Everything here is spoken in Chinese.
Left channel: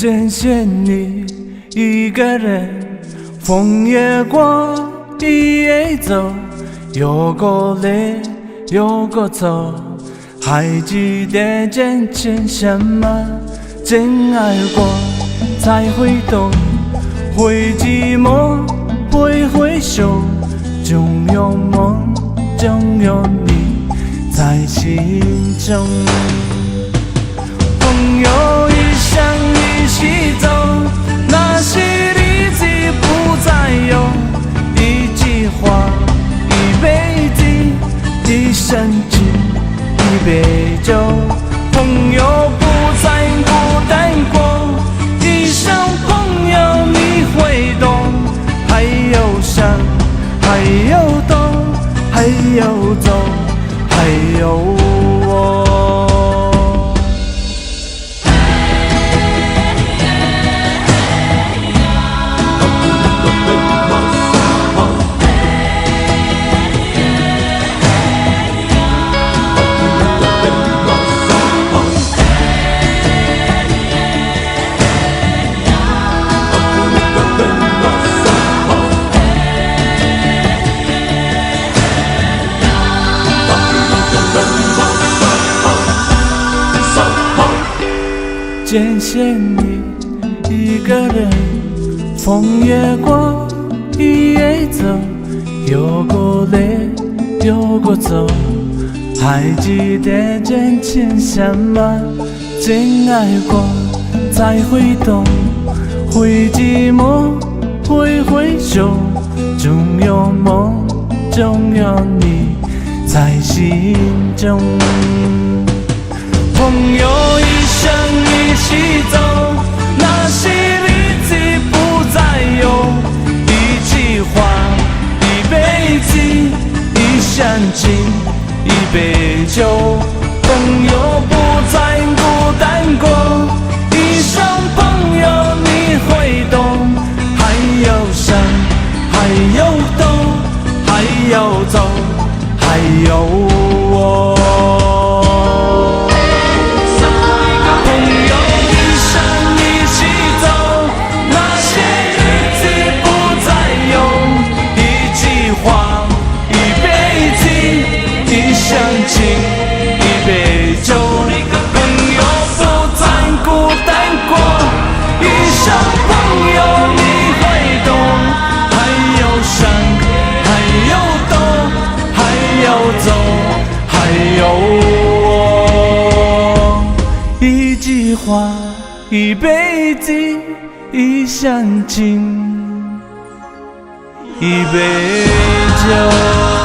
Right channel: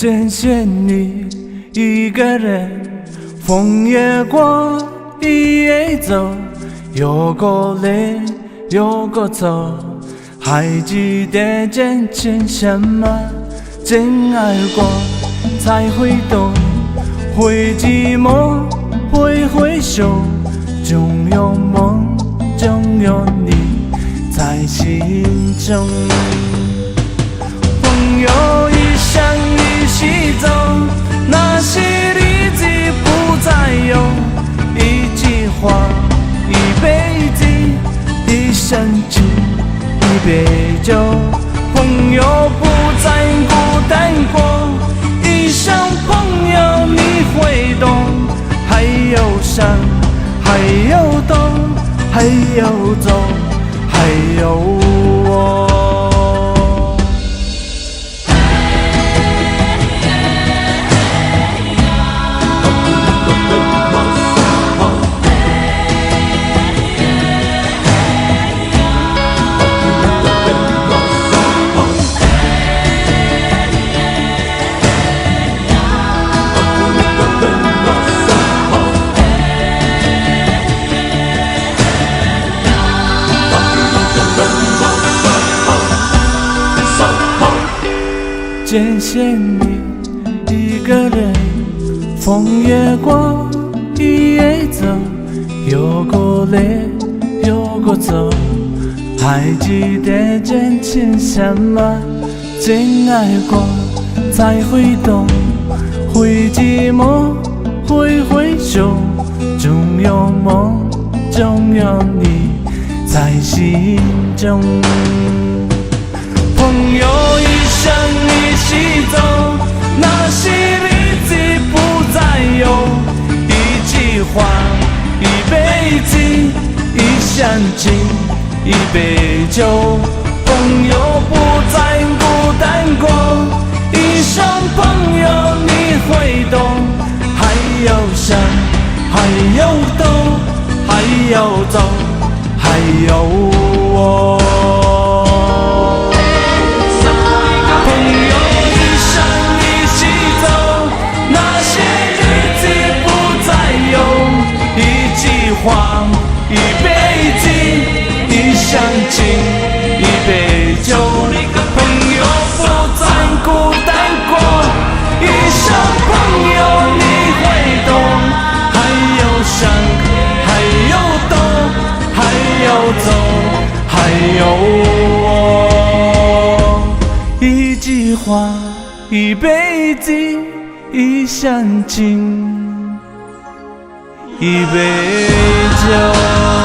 见见你一个人，风也过，雨也走，有个来，有个走，还记得渐渐什么？真爱过才会懂，会寂寞，会回首，总有梦，总有你在心中。朋友一生一起走，那些日子不再有，一句话，一辈子，一生情，一杯酒。朋友不再孤单过，一声朋友你会懂，还有伤，还有痛，还有走，还有我。见见你一个人，风也过，雨也走，有个来，有个走，还记得渐渐什么？真爱过才会懂，会寂寞，会回首，总有梦，总有你在心中。朋友一生一起走，那些日子不再有，一句话，一辈子，一生情，一杯酒。朋友不再孤单过，一声朋友你会懂，还有伤，还有痛，还有走，还有我。话一辈子，一生情，一杯酒。朋友不再孤单过，一声朋友你会懂，还有伤，还有痛，还有走，还有我。一句话，一辈子，一生情，一杯酒。